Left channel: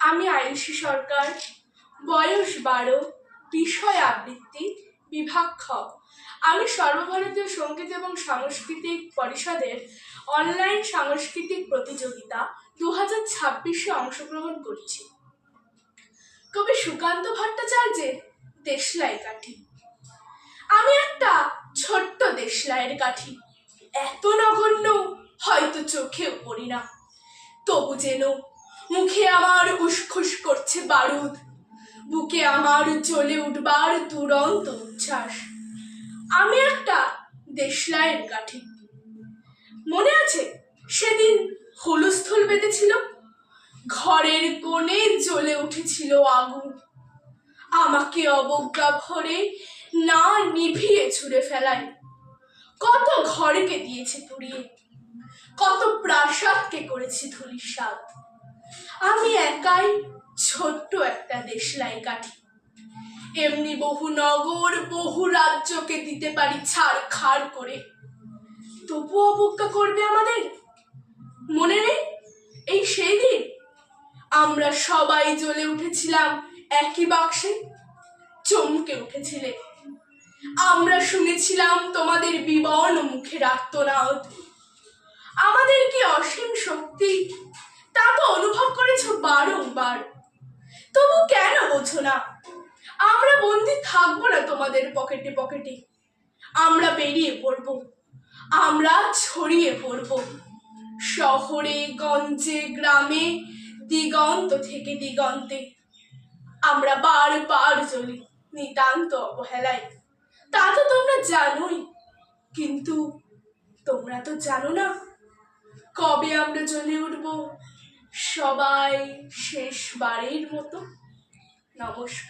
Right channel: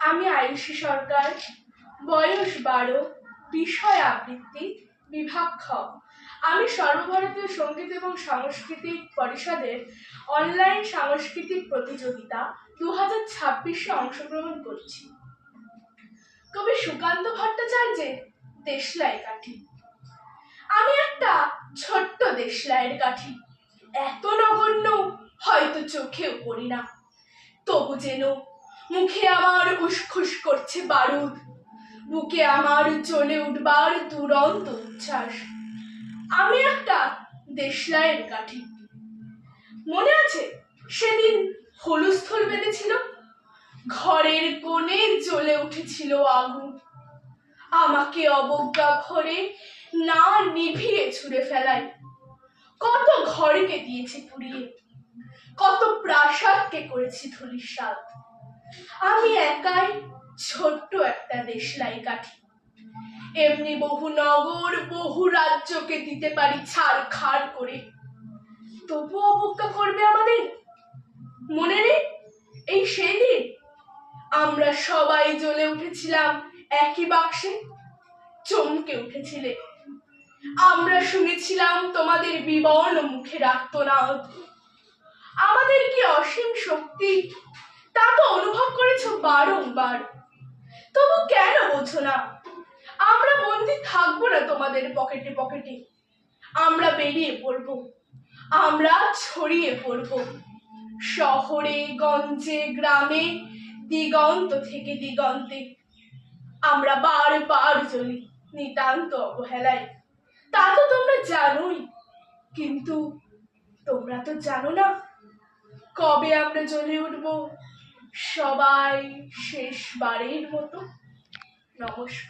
আমি আয়ুষী সরকার, বয়স 12, বিষয় আবৃত্তি, বিভাগ খ। আমি সর্বভারতীয় সঙ্গীত এবং সাংস্কৃতিক পরিষদের অনলাইন সাংস্কৃতিক প্রতিযোগিতা 2026-এ অংশগ্রহণ করছি। কবি সুকান্ত ভট্টাচার্যের দেশলাই কাঠি। আমি একটা ছোট্ট দেশলাইয়ের কাঠি, এত নগণ্য হয়তো চোখেও পড়ি না, তবু যেন মুখে আমার উসখুস করছে বারুদ, বুকে আমার জ্বলে উঠবার দুরন্ত উচ্ছ্বাস। আমি একটা দেশলাইয়ের কাঠি। মনে আছে সেদিন হুলস্থুল বেঁধেছিল, ঘরের কোণে জ্বলে উঠেছিল আগুন, আমাকে অবজ্ঞা ভরে না নিভিয়ে ছুঁড়ে ফেলায়। কত ঘরকে দিয়েছি পুড়িয়ে, কত প্রাসাদকে করেছি ধূলিসাৎ। আমি একাই ছোট্ট একটা দেশলাই কাঠি, এমনি বহু নগর বহু রাজ্যকে দিতে পারি ছাড়খাড় করে, তবু অবজ্ঞা করবে আমাদের। মনে নেই এই সেই দিন আমরা সবাই জ্বলে উঠেছিলাম একই বাক্সে, চমকে উঠেছিলে। আমরা শুনেছিলাম তোমাদের বিবর্ণ মুখের আর্তনাদ। আমাদের কি অসীম শক্তি তা তো অনুভব করেছো বারংবার, তবু কেন বোঝো না? আমরা বন্দী থাকবো না তোমাদের পকেটে পকেটে, আমরা বেরিয়ে পড়বো, আমরা ছড়িয়ে পড়বো শহরে গঞ্জে গ্রামে, দিগন্ত থেকে দিগন্তে। আমরা বারবার জ্বলি নিতান্ত অবহেলায়, তা তো তোমরা জানোই, কিন্তু তোমরা তো জানো না কবে আমরা জ্বলে উঠবো সবাই শেষবারের মতো। নমস্কার।